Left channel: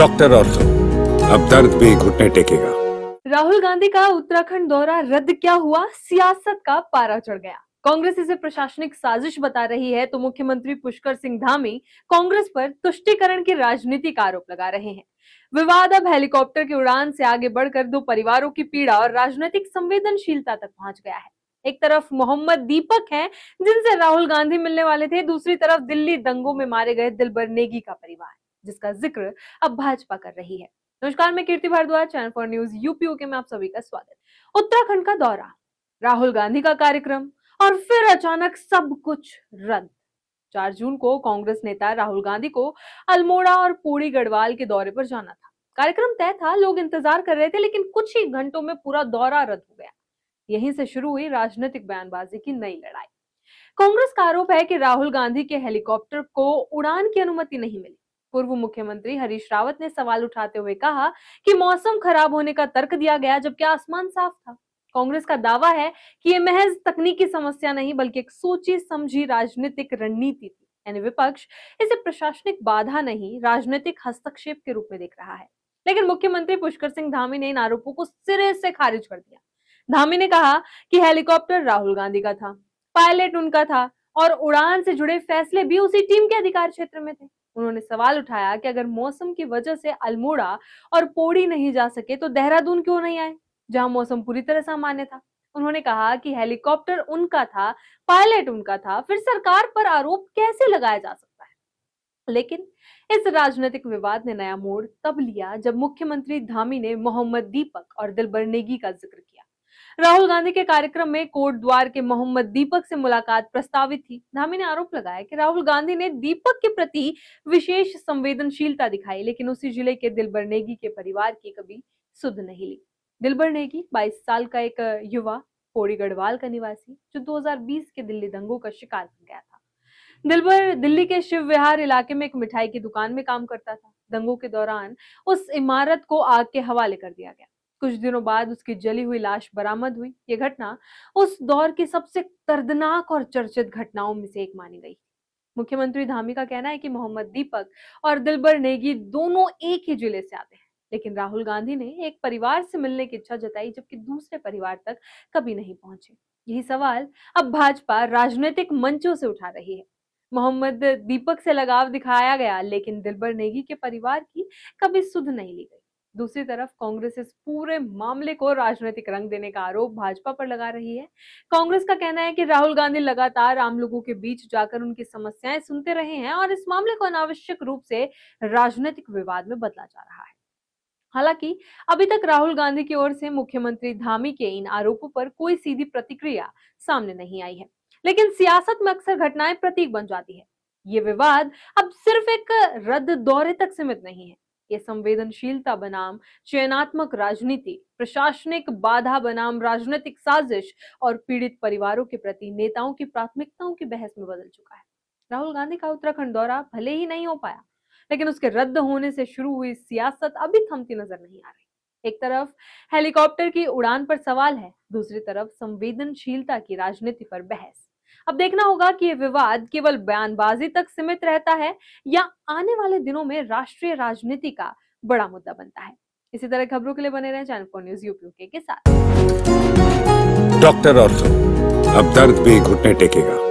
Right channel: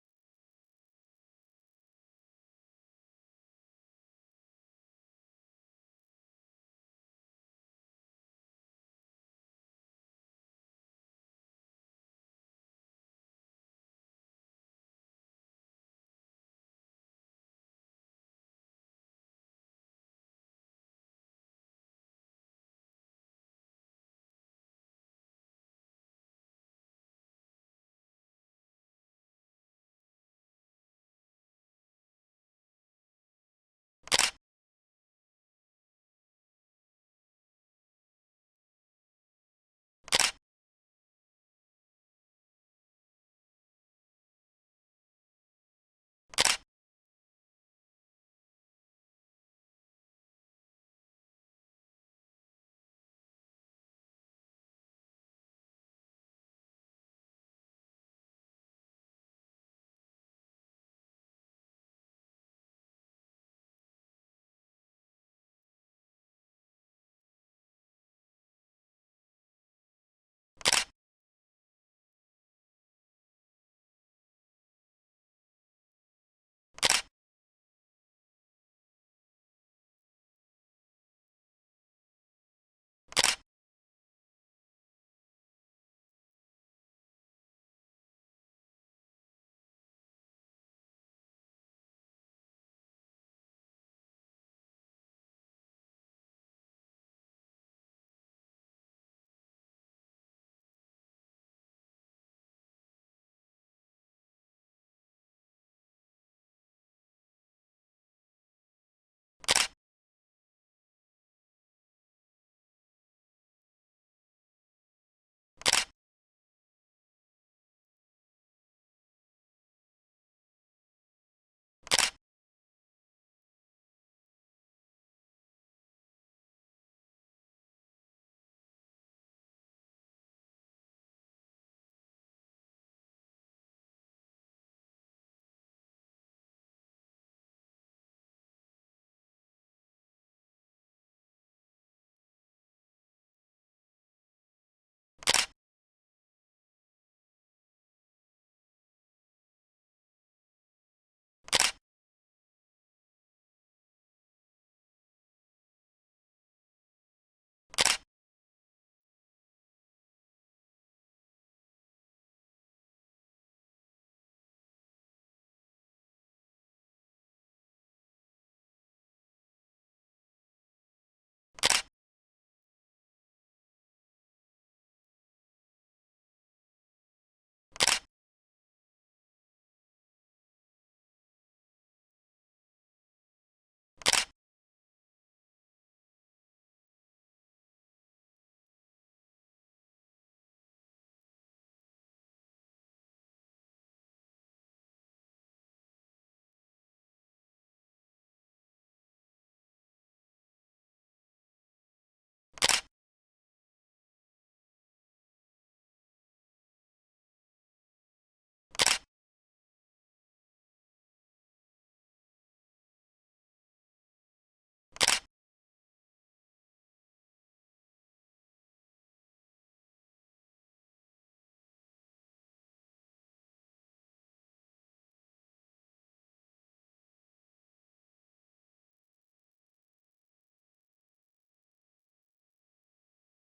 Doctor ortho, अब दर्द भी घुटने टेकेगा। राहुल गांधी का उत्तराखंड दौरा रद्द क्या हुआ, सियासत का पारा चढ़ गया। कांग्रेस इसे प्रशासनिक साजिश बता रही है तो मुख्यमंत्री पुष्कर सिंह धामी कांग्रेस पर तुष्टीकरण की राजनीति का आरोप लगा रहे हैं। विवाद अब हेलीकॉप्टर की उड़ान से आगे बढ़कर दो परिवारों की पीड़ा और राजनीतिक संवेदनशीलता तक पहुंच गया है। एक तरफ मोहम्मद दीपक हैं, जिनसे राहुल गांधी मिलने वाले थे, दूसरी तरफ दिल्ली दंगों में मारे गए दिलबर नेगी का परिवार, जिसका जिक्र अब भाजपा कर रही है। नमस्कार, मैं कीर्ति भारद्वाज, चैनल फॉर न्यूज यूपीओके में आप सभी का स्वागत है। उत्तराखंड का दौरा, राहुल गांधी का कार्यक्रम और फिर अचानक सब कुछ रद्द। 4 जून को कांग्रेस नेता राहुल गांधी को अल्मोड़ा और पौड़ी गढ़वाल के दौरे पर जाना था। कार्यक्रम तय था, लोग इंतजार कर रहे थे, लेकिन कुछ ही घंटों में पूरा दौरा रद्द हो गया। यहीं से शुरू हुई राजनीतिक बयानबाजी की नई लड़ाई। कांग्रेस का आरोप है कि राहुल गांधी के हेलीकॉप्टर को उड़ान की अनुमति नहीं मिली। पूर्व मुख्यमंत्री हरीश रावत ने सवाल उठाते हुए कहा कि मौसम खराब होने का तर्क दिया गया, जबकि आसमान साफ था। कांग्रेस का दावा है कि यह महज तकनीकी समस्या नहीं बल्कि एक सोची समझी राजनीतिक रणनीति थी। यानी विपक्ष इसे प्रशासनिक बाधा नहीं, राजनीतिक हस्तक्षेप के रूप में देख रहा है। लेकिन मुख्यमंत्री पुष्कर सिंह धामी ने इन आरोपों को सिरे से खारिज कर दिया। धामी ने कहा कि हेलीकॉप्टर राहुल गांधी का था, पायलट उनका था और उड़ान से जुड़े फैसले भी उसी टीम के अधिकार क्षेत्र में थे। उन्होंने सवाल उठाया कि अगर मौसम की वजह से अल्मोड़ा और पौड़ी नहीं जा सके तो देहरादून क्यों नहीं आए, जहां मौसम पूरी तरह सामान्य था। उन्होंने कहा कि हेलीकॉप्टर उनका था, पायलट उनका था, फिर सरकार पर आरोप कैसे लगाया जा सकता है। लेकिन इस राजनीतिक विवाद ने नया मोड़ तब लिया जब मुख्यमंत्री धामी ने मोहम्मद दीपक और दिलबर नेगी का जिक्र किया। राहुल गांधी के कार्यक्रम में कोट द्वार के मोहम्मद दीपक से मुलाकात प्रस्तावित थी। धामी ने आरोप लगाया कि राहुल गांधी ने दीपक के प्रति विशेष संवेदनशीलता दिखाई, लेकिन उसी जिले के दिलबर नेगी के परिवार की कभी सुध नहीं ली। दिलबर नेगी 22 साल का एक युवा, पौड़ी गढ़वाल का निवासी, जो 2020 के दिल्ली दंगों का शिकार बन गया था। दिलबर दिल्ली के शिव विहार इलाके में एक मिठाई की दुकान में काम करता था। दंगों के दौरान उस इमारत को आग के हवाले कर दिया गया। कुछ दिनों बाद उसकी जली हुई लाश बरामद हुई। ये घटना उस दौर की सबसे दर्दनाक और चर्चित घटनाओं में से एक मानी गई। मुख्यमंत्री धामी का कहना है कि मोहम्मद दीपक और दिलबर नेगी दोनों एक ही जिले से आते हैं, लेकिन राहुल गांधी ने एक परिवार से मिलने की इच्छा जताई, जबकि दूसरे परिवार तक कभी नहीं पहुंचे। यही सवाल अब भाजपा राजनीतिक मंचों से उठा रही है। मोहम्मद दीपक से लगाव दिखाया गया, लेकिन दिलबर नेगी के परिवार की कभी सुध नहीं ली गई। दूसरी तरफ कांग्रेस इस पूरे मामले को राजनीतिक रंग देने का आरोप भाजपा पर लगा रही है। कांग्रेस का कहना है कि राहुल गांधी लगातार आम लोगों के बीच जाकर उनकी समस्याएं सुनते रहे हैं और इस मामले को अनावश्यक रूप से राजनीतिक विवाद में बदला जा रहा है। हालांकि अभी तक राहुल गांधी की ओर से मुख्यमंत्री धामी के इन आरोपों पर कोई सीधी प्रतिक्रिया सामने नहीं आई है, लेकिन सियासत में अक्सर घटनाएं प्रतीक बन जाती है। ये विवाद अब सिर्फ एक रद्द दौरे तक सीमित नहीं है। ये संवेदनशीलता बनाम चयनात्मक राजनीति, प्रशासनिक बाधा बनाम राजनीतिक साजिश और पीड़ित परिवारों के प्रति नेताओं की प्राथमिकताओं की बहस में बदल चुका है। राहुल गांधी का उत्तराखंड दौरा भले ही नहीं हो पाया, लेकिन उसके रद्द होने से शुरू हुई सियासत अभी थमती नजर नहीं आ रही। एक तरफ हेलीकॉप्टर की उड़ान पर सवाल है, दूसरी तरफ संवेदनशीलता की राजनीति पर बहस। अब देखना होगा कि ये विवाद केवल बयानबाजी तक सीमित रहता है या आने वाले दिनों में राष्ट्रीय राजनीति का बड़ा मुद्दा बनता है। इसी तरह खबरों के लिए बने रहें चैनल फॉर न्यूज यूपीओके के साथ। डॉक्टर ऑर्थो, अब दर्द भी घुटने टेकेगा।